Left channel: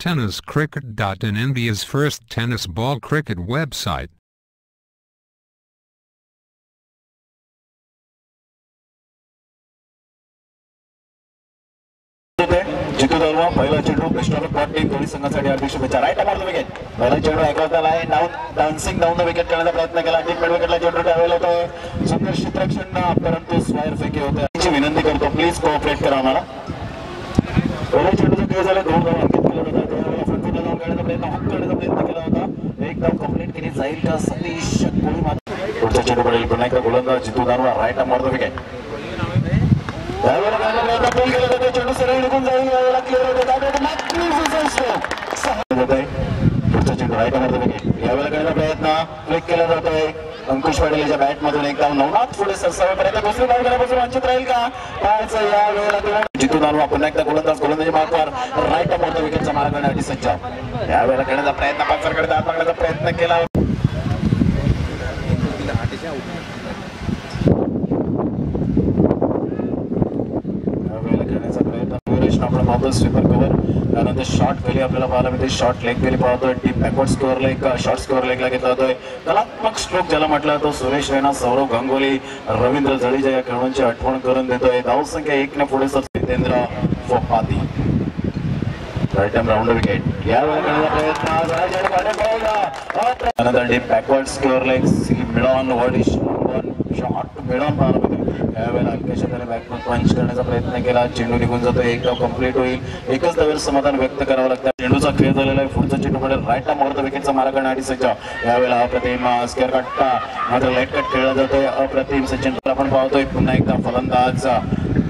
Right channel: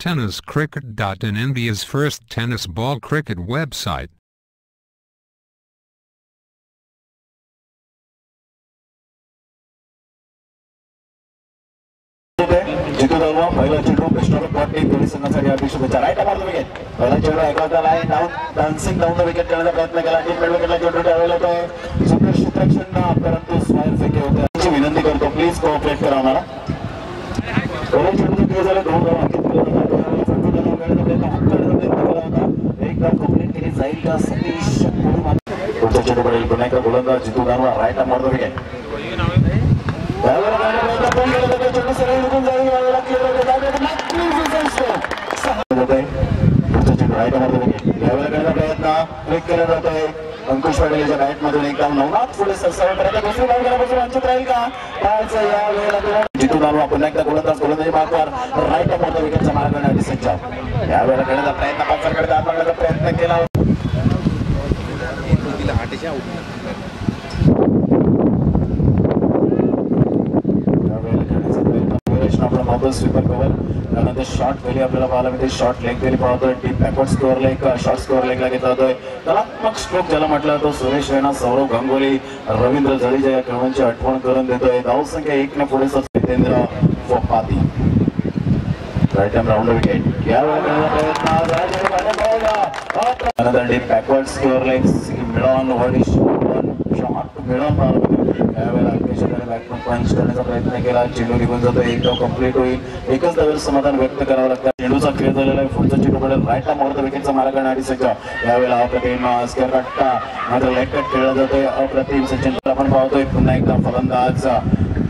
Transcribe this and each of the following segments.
TennisCricket.in, India's first tennis ball cricket website. जितू दलवा पहिला चेंडू best of luck team दोन्ही संघांसाठी हार्दिक शुभेच्छा. राईट मारतो विकेट. पहिला चेंडू ऐकवता line dancing down the wicket करण्याचा प्रयत्न केला. टीम मिड विकेटला चेंडू त्यावेळेला होतोय सुंदर क्षेत्ररक्षण परंतु स्क्वायर फेकी होते. विनंती करतो प्लीज कोऑपरेट करा आम्हाला. पहिला चेंडू क्लिअर झाला. दोन धावा अंकित केला होता. फ्रंटून जाऊन खेळण्याचा प्रयत्न हुक करण्याचा प्रयत्न केला होता. एक धाव कंप्लीट केली जाईल का सतीश कोळी मात्र पुढच्या चेंडू पडेल. पुन्हा एकदा गोलंदाज जितू दानवा राईट मारतो विकेट. चेंडू सरळ निघून जाईल. यावेळेला क्लिअर पुढचा चेंडू राईट मारतो विकेट. यावेळेला करण्याचा प्रयत्न क्लिक केला जातोय. अंकुश पाटील याच्या बॅट मधून एकदम नवनाथ पुढे सरसावेपर्यंत दुसरी धाव गेल्यापासून वंचित राहील का पाहायचं. यावेळेला जितू दानवा पुन्हा एकदा गोलंदाजी मार्कवर राईट मारतो विकेटचा मार्ग करण्यासाठी सज्ज. यावेळेला करण्याचा प्रयत्न पाचरकडे दाखवण्याचा प्रयत्न केला. करण्याचा प्रयत्न आपण पाहतो स्वीपर कव्हर. त्यानंतर शॉर्ट व्हॅली आपल्याला पाहायला मिळते. शॉर्ट लेग व्हॅली पाहतोय. Deep backward square leg short square लेगला घेतला जातोय. कलात्मक स्ट्रोक ज्याला म्हटलं तो सुरेश रैना, सौरव गांगुली, रवींद्र जडेजा या खेळाडूंची आठवण करून देतोय. धावसंख्या 1 ने पुढे जितेंद्र फोपाती राईट टाइम राऊंड विकेट. यावेळेला करण्याचा प्रयत्न त्यानंतर टीप बॅकवर्ड स्कोअर लेग मिळून शॉट मिळून पाहायला मिळतो. यावेळेला अल्पेशाने बॅटमन पंच करण्याचा प्रयत्न केला. चेंडू निघून जातो. एक धाव कंप्लीट होईल. एकच धावेवर समाधान व्यक्त करावं लागतं. चेंडूचा खेळ झालेला आहे. पुढचा चेंडू पडेल. राईटला मारतो विकेटचा मारा करण्यासाठी सज्ज. यावेळेला अप्रतिम स्क्वेअर कट्टा मात्र लेग कट खेळला जातोय. अप्रतिम सचिन आपण पाहतोय. पुन्हा एकदा फलंदाज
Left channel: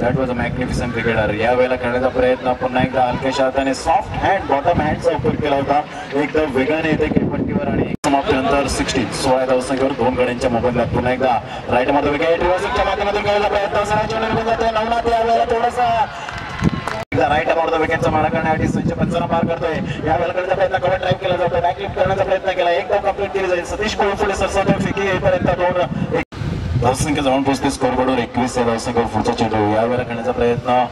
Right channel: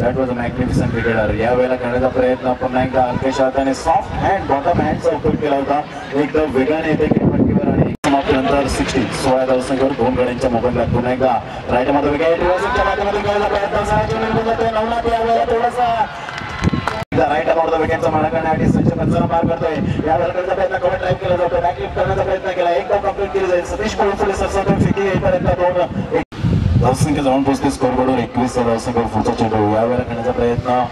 that was a magnificent cricketer. यावेळेला करण्याचा प्रयत्न पुन्हा एकदा अल्पेश हाताने सॉफ्ट हँड बॉटम हँडचा उपयोग केला होता. एकदम वेगाने येते खेळपट्टीवर आणि समाप्तीनंतर 60 16 धावसंख्येवर 2 गड्यांच्या मोबाईलला पुन्हा एकदा राईट मारतो विकेट. माध्यमातून खेळायचा प्रयत्न नवनाथ यावेळेला थोडासा राईट मारतो विकेटचा मारा करण्यासाठी सचिन पंचांना पार करतोय. यावेळेला करण्याचा प्रयत्न कव्हर ड्राईव्ह केला जातो. बॅकलिफ्ट करण्याचा प्रयत्न केला. एक धाव कंप्लीट केली जाईल. सतीश कोळी पुढे सरसावून फेकी येईपर्यंत 2 धावसंख्या जाऊन पोहोचते. स्कोरबोर्डवर 21 या धावसंख्येवर पुढचा चेंडू. यावेळेला करण्याचा प्रयत्न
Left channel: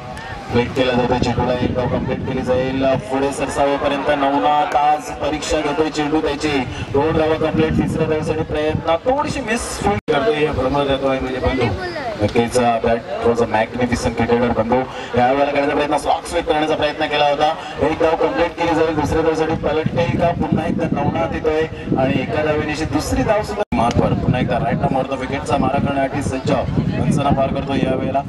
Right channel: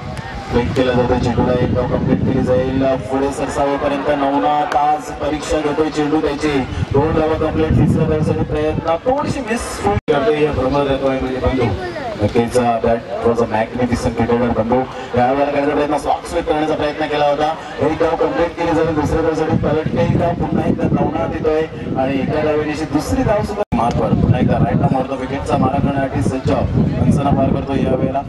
ब्रेक केला जातो. चेंडूला एक धाव कंप्लीट केली जाईल. पुढे सरसावेपर्यंत नवनाथ आज परीक्षा घेतोय चेंडू त्याची. 2 धावा कंप्लीट. तिसऱ्या धावेसाठी प्रयत्न थोडीशी मिस करतोय. प्रमोद येतोय म्हणजे बंधू नक्कीच bat was a magnificent cricketer बंधू. यावेळेला करण्याचा प्रयत्न स्लॉक स्वीप करण्याचा प्रयत्न केला होता. एक धाव कंप्लीट केली जाईल. दुसऱ्या धावेसाठी पलट केली का पुन्हा एकदा नवनाथ येतोय आणि एका धावेची दुसरी धाव सुद्धा मार्कवर पुन्हा एकदा राईटला मारतो विकेटचा मारा करण्यासाठी सज्ज. पंचांना पार करतो. यावेळेला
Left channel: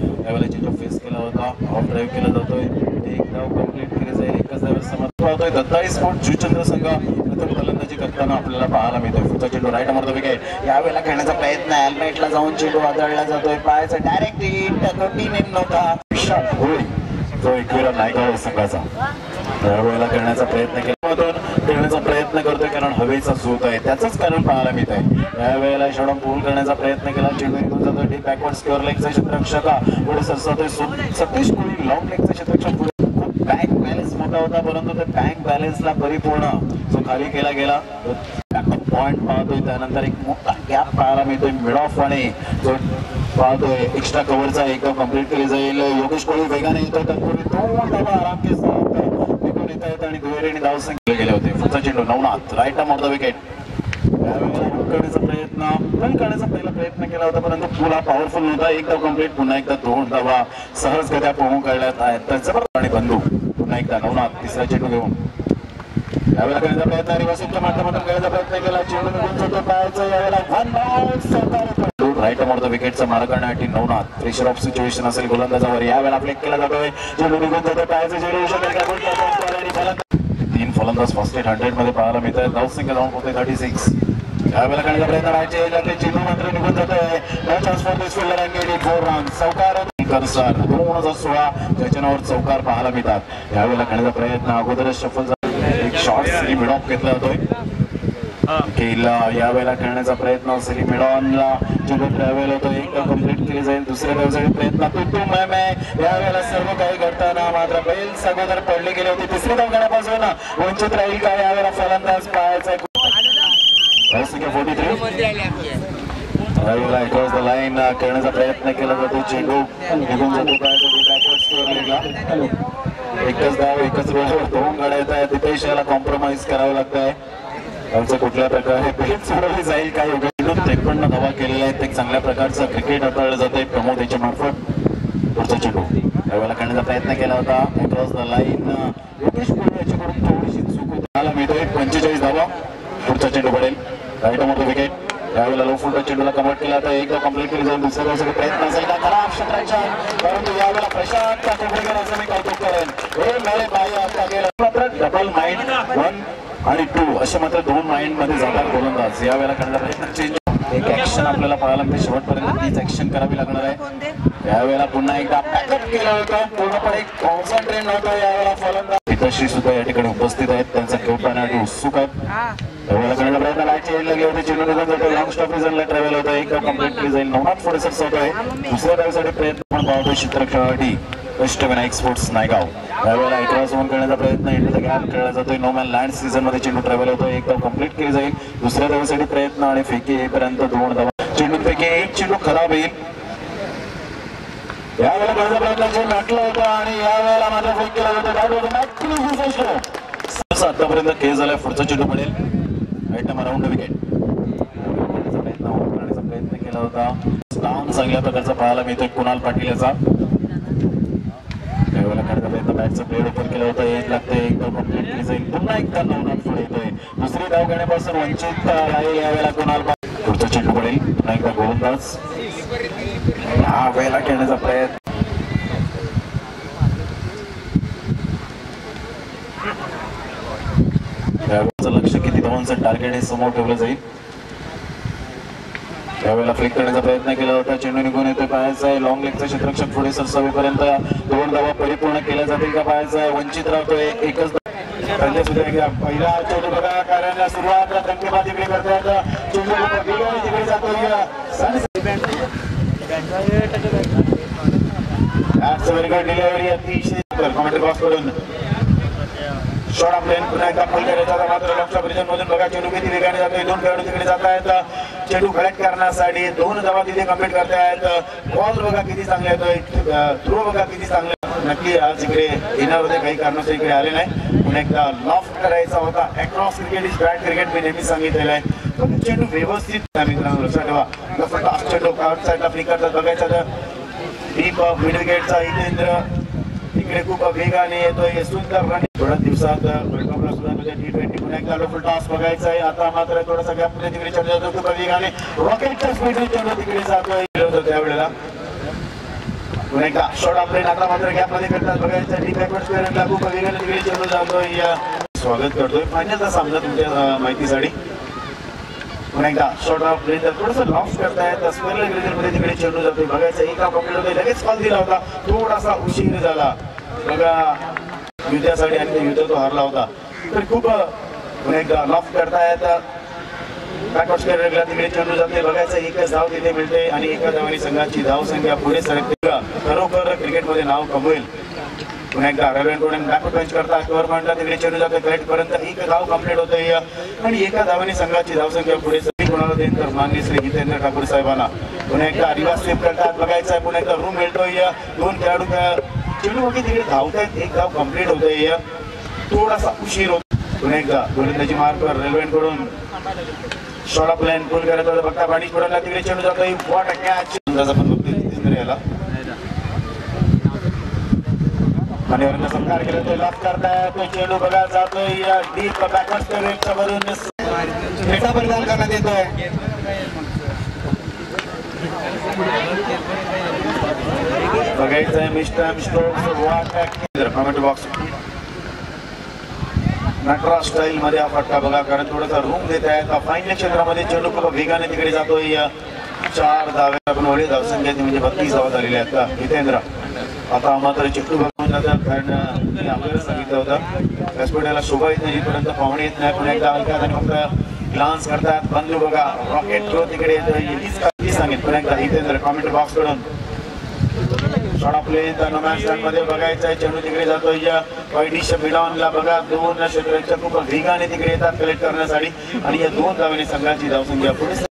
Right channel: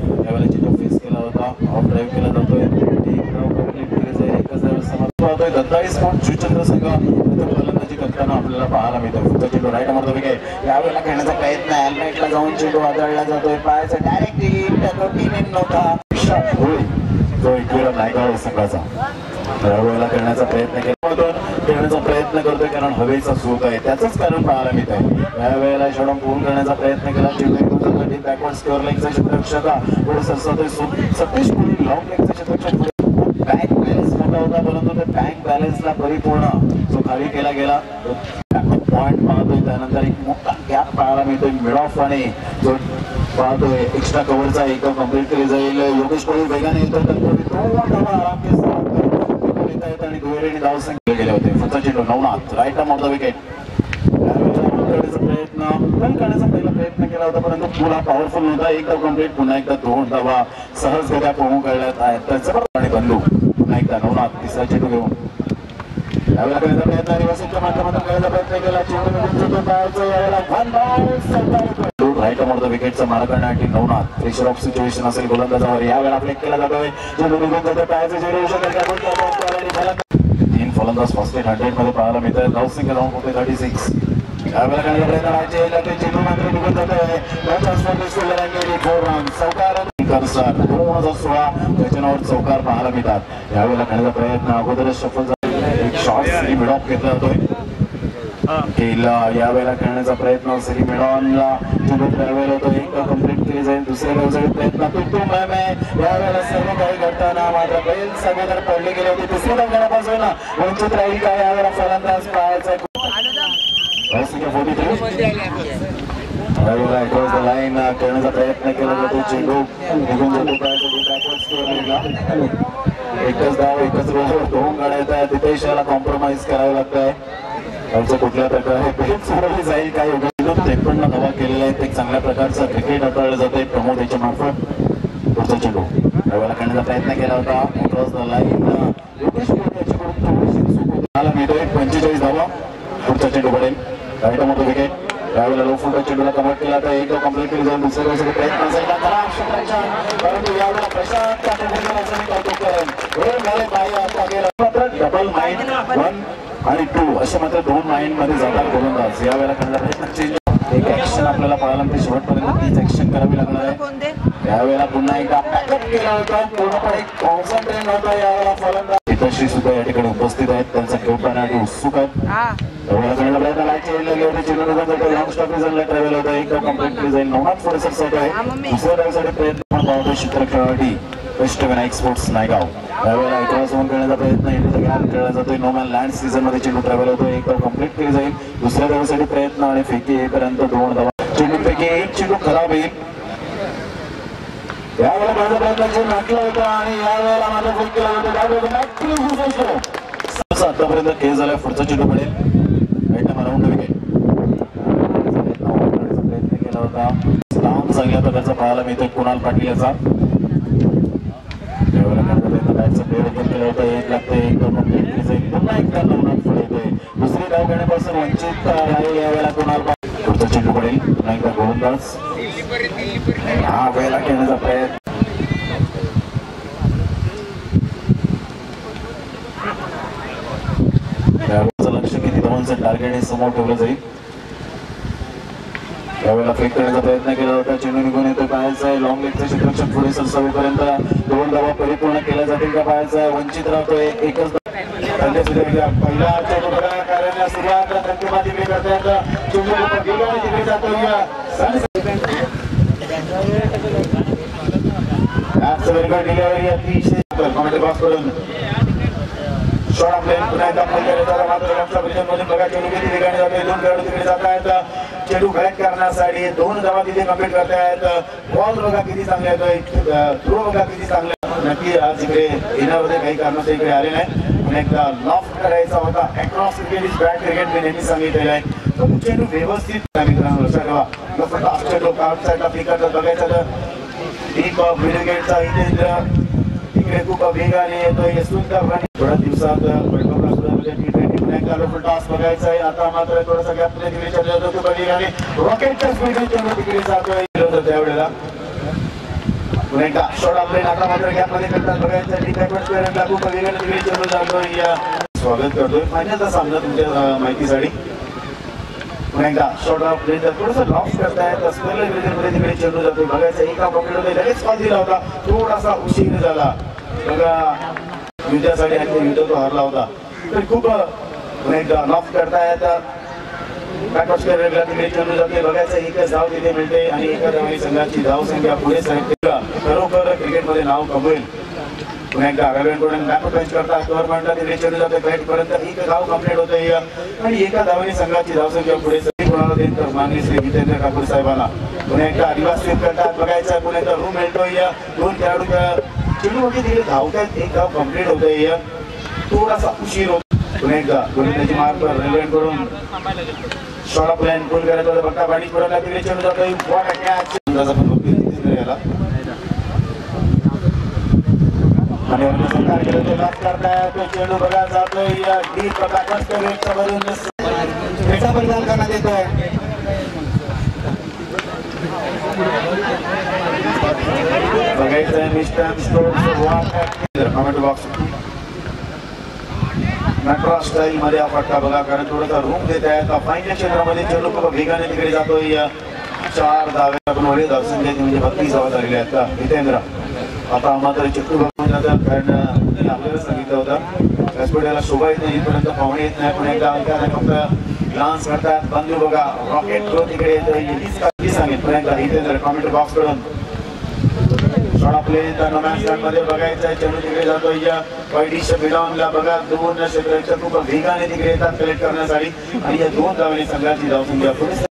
चेंडू फेस केला होता. ऑफ ड्राईव्ह केला जातोय. एक धाव कंप्लीट केली जाईल. एकच धावेवर समर्थ होतोय. दत्ताई स्पोर्ट जुचंद्र संघ प्रथम फलंदाजी करताना आपल्याला पाहायला मिळतोय. पुढचा चेंडू राईट मारतो विकेट. यावेळेला खेळण्याचा प्रयत्न हेल्मेटला जाऊन चेंडू आदळला जातोय. पायाचा डायरेक्ट हिट नव्हता. तो एकवेळा नायका संघाचा यावेळेला करण्याचा प्रयत्न केला. खेळण्याचा प्रयत्न करतोय कारण हवेचा स्रोत आहे त्याचंच कारण पाहायला मिळत आहे. यावेळेला षडम पूर्ण करण्याचा प्रयत्न केला. चेंडू निघून जातोय. बॅकवर्ड स्क्वेअर लेगचा क्षेत्ररक्षक पुढे सरसावतोय. सतीश कोळी लॉंग लेगचा क्षेत्ररक्षक पुढे खूप बॅक बॅलन्स मोठा होता परंतु त्या बॅक बॅलन्सला परिपूर्ण जो खाली केला गेला पॉइंट पाहतोय. त्यानंतर एक मोठा गॅप पाहायला मिळतोय मिड ऑफ आणि जो पाहतोय एक्स्ट्रा कव्हरचा एक कंप्लीट केली जाईल. योगेश कोळी वेगाने येतोय. तत्पूर्वी 2 धावा आराम के साथ तिथून येता येत आणि दुहेरीने धावसंख्या गेले होते. पुढचा चेंडू नवनाथ राईटला मारतो विकेट. यावेळेला करण्याचा प्रयत्न रन करण्याचा पहिला प्रयत्न केला होता परंतु पुन्हा पॉवरफुल नव्हता. एक धाव कंप्लीट. पुन्हा एकदा 2 धावा सहजगत्या पोहून काढल्यात आहेत. त्यांचा आणि बंधू पुन्हा एकदा नवनाथ तिसरा चेंडू घेऊन यावेळेला करण्याचा प्रयत्न रिव्हर्सच्या माध्यमातून करण्याचा प्रयत्न केला. चेंडू निघून जातो. पायाचा यावेळेला 1 बाउन्स राईट मारतो विकेटचा मारा करण्यासाठी नवनाथ. प्रेशर ऑफ सिच्युएशन असेल गोलंदाजावर. यावेळेला ब्रेक केला जातोय. चेंडू निघून जातो. पायाचं चेंडू 3 फलंदाज फर्स्ट 100 मध्ये पाहायला मिळत आहेत. धावसंख्या जाऊन होते 36. यावेळेला करण्याचा प्रयत्न राहायचे. चेंडू मात्र निघून जातोय. चौकार 2016 त्याच्या नावावर चौकार पाहायला मिळतात. यावेळेला करण्याचा प्रयत्न अगोदरच सफल झाला. एक शॉर्ट मिड ऑफ घेतला जातोय. यावेळेला खेळण्याचा प्रयत्न सेली मिडॉनला चेंडू ट्रॅव्हल होतो. एक कंप्लीट केली जाईल. दुसऱ्या धावेसाठी प्रयत्न तो यावेळेला सर्व काही घडताना मात्र बैल सगळ्या पडले गेले होते. तिसरी धाव घेण्यापासून वंचित राहील का यावेळेला फलंदाज पाहायचा लाईन करण्याचा प्रयत्न केला जातो. चेंडू निघून जातो. एकच धाव एकाच वेळेवर 2 गाड्या येत आहेत. तिथे इशाला कॉम्प्रोमाइज करावं लागत आहे. त्यांचं कुठल्या प्रकारे पेट सोडवली जाईल काय 53 धावा केलेल्या आहेत. एक चांगल्या प्रकारचं क्रिकेट हाताळलं जाते प्रमोद याच्या मार्फत. पुढचा चेंडू यावेळेला करण्याचा प्रयत्न केला होता. Cross the line Yogesh Kohli याच्याकडून थोडीशी चूक होती. मला मिळतोय 45 धावा. पुढचा चेंडू पडेल राईट मोठं विकेट. यावेळेला लो फुलच्या चेंडूला कन्वर्ट केला तर एक कम्प्लीट केली जाऊन दुसऱ्या दिवसाचा प्रयत्न असेल का खराब क्षेत्राच्या. परंतु यावेळेला प्रशांत असं मी कौतुक करेन. हे मेरे भाई आता गेला मात्र डबल माइंड 1 आणि 2 असे मात्र 2 माइंड मध्ये जातात गोलंदाज. यावेळेला करण्याचा प्रयत्न चेंज एक ऍक्शन आपल्याला पाहायला मिळते. शेवटपर्यंत तीच ऍक्शन करावी लागणार आहे. यावेळेला पुन्हा एकदा पॅकअप केलं होतं. पूर्णपणे कॉन्सन्ट्रेट होतं यावेळेला फलंदाज. पिताश्री सुद्धा या ठिकाणी उपस्थित आहेत. त्यांचा खेळ पाहण्यासाठी उत्सुक आहेत. यावेळेला करण्याचा प्रयत्न लाईट लागले होते. चेंडू लॉंग स्टॉप रिझनला ट्रॅव्हल होतं. एक कम्प्लीट केली जाईल. नवनाथ पुढे सरसवत आहे. दुसऱ्या डावीसाठी प्रयत्न पण पाहतो चित्र खेळासाठी अष्टविनायक स्पोर्ट्स नायगाव. यावेळेला इतरा झोन करण्याचा प्रयत्न इंडियाचा गॅप खेळला जातोय. नोमॅन लँड सीझन मध्ये चेंडू ट्रॅव्हल होतो. एक कम्प्लीट केली जाईल. दुसऱ्या धावेसाठी प्रयत्न आणि फेकी येईपर्यंत 2 धावा. चेंडूपैकी एक चेंडू खराब येईल. यावेळेला पहिला प्रयत्न चेंडू नाटला होता आणि यावेळेला माझा फेक केला होता. आतापर्यंत खेळ झालाय. पुढचा चेंडू पडेल राईट अराउंड विकेट. प्रयत्न केला होता. काम चांगल्या प्रकारचा पाहायला मिळतोय कुणाल पाटील याचा. यावेळेला करण्याचा प्रयत्न बॅटचा प्लेअर ओपन केला होता. एक लागते एक कम्प्लीट केली जाईल. पुन्हा एकदा नवनाथ पुढे येतोय. दुसरी धाव घेण्यापासून वंचित राहील यावेळेला कुणाल. पुढचा चेंडू पडेल पुन्हा एकदा गोलंदाज. हा वेळेला खेळण्याचा प्रयत्न लक्ष किती धावांचं टार्गेट हे समोर ठेवलं जाईल. यावेळेला फेक करण्याचा प्रयत्न केला होता. चेंडू निघून येतो. पाहायचा आहे लॉंग लेगचं क्षेत्ररक्षण पुढे सरसावेपर्यंत 2 धावा परिपूर्ण केल्या जातील का पाहायचा आहे. वंचित राहतोय. एकच पहिला चेंडू बघा कारण सुरुवात रंगीबा तिकडे करतात. चेंडू तिकडे जातो. डिलिव्हरी अतिशय कॉमेंट्री बॉक्स करून शॉट आपल्या पुन्हा एकदा फल करायचा मात्र लक्षात मधून बघा चेंडू किती वेगाने जातोय. 2 खेळाडू तिकडे जात आहेत. चेंडू कलेक्ट करण्यासाठी 2 धावा तिथे कम्प्लीट करतायत. बॉल बघा किती चांगले येतोय. थ्रो बघा किती चांगले. नक्की आज इकडे येण्यामध्ये काही कारणास्तव इकडे आले नाही. पुन्हा एकदा लॉफ्ट करायचा होता. Across cricket is bat cricket मी नेहमी सांगितलेलं आहे. पण चेंडू व्यवस्थित मित्रांनो लक्षात ठेवा. फक्त आजच्या लोक आउटसाईडला पिकाचं बघायचं तर डीप मिडल गेटचा इथे इकडे खूप वेगाने येतोय. सुंदर रनिंग. थोड्या दिवसात वर्ल्ड कपला सुद्धा T20 पुन्हा एकदा लोकल टॉस बघायचा आहे. आता मात्र थोडासा गॅप मध्ये तिकडे चेंडू जातो. खूप वेगाने रॉकेटच्या स्पीडने चेंडू तिकडे जातोय. त्यावेळेला पुन्हा एकदा शॉट आपले आता मात्र गॅप मध्ये करतात बघायचं. टी बॅकवर्ड स्क्वेअरला खूप वेगाने तिकडे चेंडू जातोय. स्वागत करतोय फायनलचा सामना तुमच्या माहितीसाठी. पुन्हा एकदा शॉट ऑफ प्ले थोडंसं लॉफ्ट करतायत. स्क्वेअर मध्ये तिकडे चेंडू जातोय बघायचं. एका पॉकेट होतोय. लगेच कॉल दिला होता. थोडासा उशीर झाला बघा युद्धासाठी आणि युद्ध तो हरला होता. तर खूप पुन्हा एकदा लॉफ्ट करतायत. बॅकवर्ड स्क्वेअरला तिकडे चेंडू जाते बघायचं. एकच धाव तिथे मिळते आणि एका धावाने संघाची धाव संख्या पुढे सरकते. खरोखर क्रिकेटमध्ये नाव कमवेल. पुन्हा एकदा रविंद्रकडून बॅकवर्ड पंच करता. कव्हर पॉइंटला तिकडे चेंडू जाते. बॅट पर्यंत एक धाव कंप्लीट होते आणि एका धावाने संघाची धावसंख्या पुढे कोणाला देईन तर माननीय श्री जितेंद्र ठाकूर साहेबांना. पुन्हा एकदा आदिवासी स्वीप करतात बघायचं. पुन्हा एकदा रूम मिळतोय. 2 खेळाडू चेंडू वगैरे तिकडे धावतायत. एक धाव कंप्लीट होतोय. थोडासा उशीर होतो. पुन्हा एकदा गोलंदाजी मार्ग रेल्वेकडून शॉट ऑफ लाईन गोल करायचा होता. बघता पाणी पडला तिकडे चेंडू जातोय. What a catch. अंदाज आपण बघतोय जितेंद्र याला आणि संकार केला तो लाभ करताय. तो चेंडू बघा जातोय डीप बॅकवर्ड वरून त्याचा परिधान करण्यात येतोय. बघायचंय mister Stokes comment box Nataraj style मध्ये हा फटका बघा कारण थोडासा रूम देत आहे. फायनल क्षेत्रामध्ये चेंडू खूप वेगाने तिकडे जातोय. 4 धावे आपण वडे धावसंख्येत म्हणजे 32 धावा झालेल्या आहेत का जितेंद्र. आता मात्र चिट्टू बघून जातात कारण आपल्याला सांगितलं होतं व्यासपीठाला शोभा येत नाही पर्यंत पाहुणे येत नाही. पुन्हा एकदा फक्त ग्लान्स करतात. बंधू बघा रॉकेट थ्रो तिकडे येतोय. सांगितलं पुन्हा एकदा जितेंद्र कॉमेंट बॉक्स कडून शॉट आपले मध्ये बघायचं आहे. चेंडू तिकडे जातोय. वाईडीच्या बिडावनला बघा 2 क्षेत्राच्या खूप वेगाने तिकडे येतात कलेक्ट करण्यासाठी आणि या 2 धावांनी संघाची धावसंख्या पुढे.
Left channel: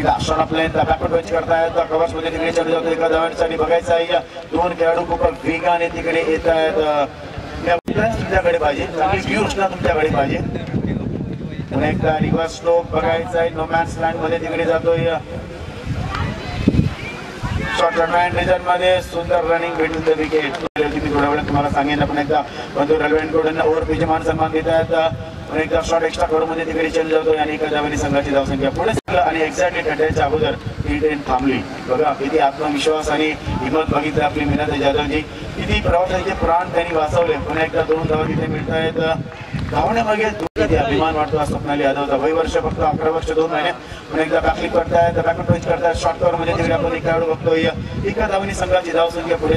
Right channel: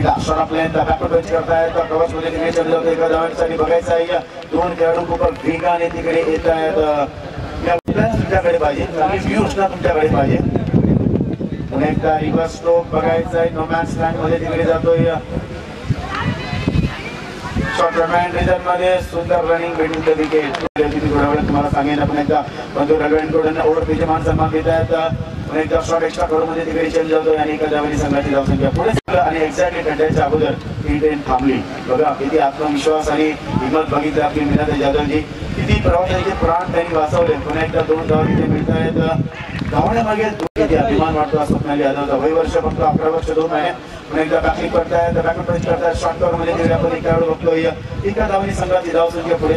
एकदा शॉट आपल्याला बॅकवर्ड टच करतायत कव्हर्स मध्ये तिकडे चढ जातो एका धावांसाठी बघायचं आहे दोन खेळाडू खूप वेगाने तिकडे येत आहेत तुमच्याकडे पाहिजे चांगली व्ह्यू असणार तुमच्याकडे पाहिजे पुन्हा एकदा रिव्हर्स स्ट्रोक बघायचा आहे नो मॅन्स लँड मध्ये तिकडे जातोय शॉर्ट रनमॅन रिझन मध्ये सुंदर रनिंग भेटून द विकेट थोड्या वेळात तुम्हाला सांगेन आपण एकदा बंधू रलवेंकडून ओव्हर पेचे मान सन्मान देत आहेत पुन्हा एकदा शॉर्ट एक्स्ट्रा कड मध्ये तिकडे चेंज जातोय आणि एका धावेने संघाची धावसंख्या पुढे आणि एक्झॅक्टली टंट्याच्या अगोदर ही ट्रेन थांबली बघा किती आत्मविश्वास आणि हिंमत बघितली आपली मीनाताई जाधवजी किती प्रवाशांचे प्राण त्यांनी वाचवले पुन्हा एकदा 2 धावा तिथे मिळत आहेत धावण्यामागे किती अभिमान वाटतो स्वप्नाली यादवचा वय वर्ष फक्त 11 वर्ष 2 महिने पुन्हा एकदा बॅकलिप करतायत बॅकअप टच करतायत शॉर्ट कव्हर मध्ये तिकडे आपण एक खेळाडू बघतोय एका धावेने संघाची धावसंख्या पुढे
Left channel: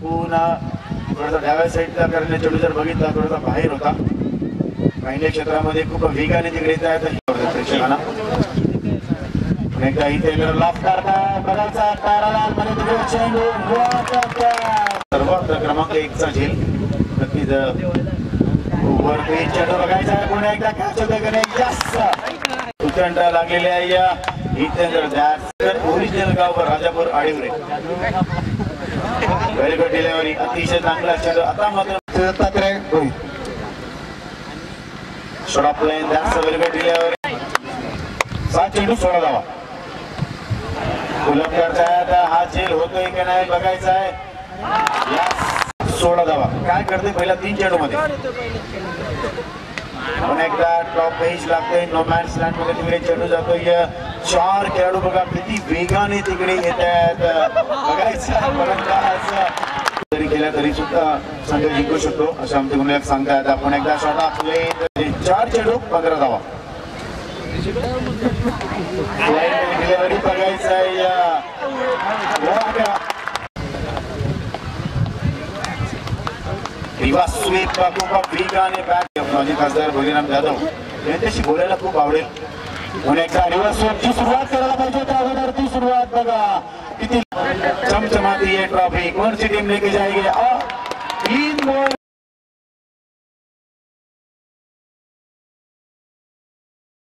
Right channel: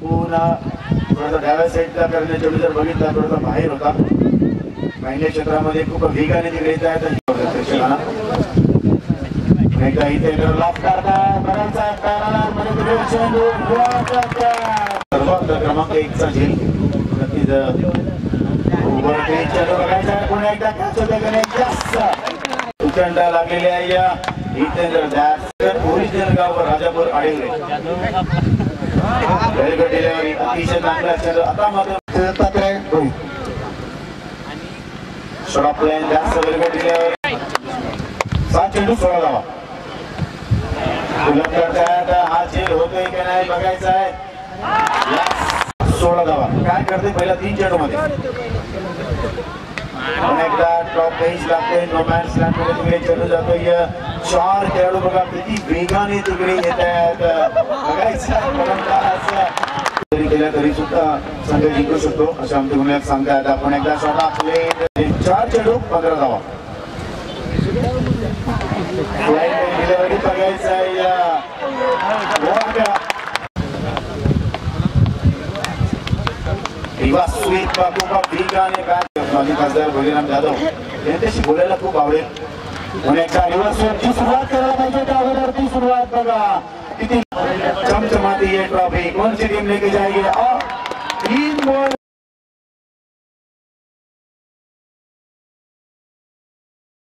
पुन्हा थोडासा डाव्या साईडचा करणे चेंडू जर बघितला थोडासा बाहेर होता पहिल्या क्षेत्रामध्ये खूप वेगाने तिकडे येत आहेत प्रेक्षकांना एकदा इथे लॉक करतायत बघायचा मध्ये तिकडे चेंडू सर्वात क्रमांक 1 चा झेल नक्कीच वरती चेंडू बघायचा पुन्हा एकदा कॅच होते का नाही जास्त उचंडा लागलेली आहे या हितेंद्र दास ओरिजिनल गाव राजापूर आडेवरे व्हेरी गुड डिलिव्हरी अतिशय चांगला चेंडू आता मात्र शॉट ऑफ लाईन जास्त व्हेरी गुड डिलिव्हरी 7 चेंडू 16 धावा उलट करतायत हा झेल होतोय की नाही बघायचा आहे 16 धावा काय करते पहिल्या 3 चेंडू मध्ये एकदा टॉप पेज लागते नो मॅन्स लँड मध्ये तिकडे चेंडू जातोय 4 खेळाडू बघा किती वेगाने तिकडे येत आहेत बघायचं जरी केल्या तरी सुद्धा संघ जिंकू शकतो असं आमचे गुणलेख सांगतायत आपण एकदा शॉट आपले 4 चेंडू 15 धावा डिलिव्हरी बघायचं आहे स्वीप खूप वेगाने बॅट माजी खासदार भोलेराम जाधव यांच्याशी बोलायला खूप आवडेल म्हणून एकदा रिव्हर्स स्वीपची सुरुवात करायला पाहिजे त्या अगोदर ती सुरुवात बघा किती चमचमाती ये ट्रॉफी कौन सी टीम लेके जाएगी 3 बॉल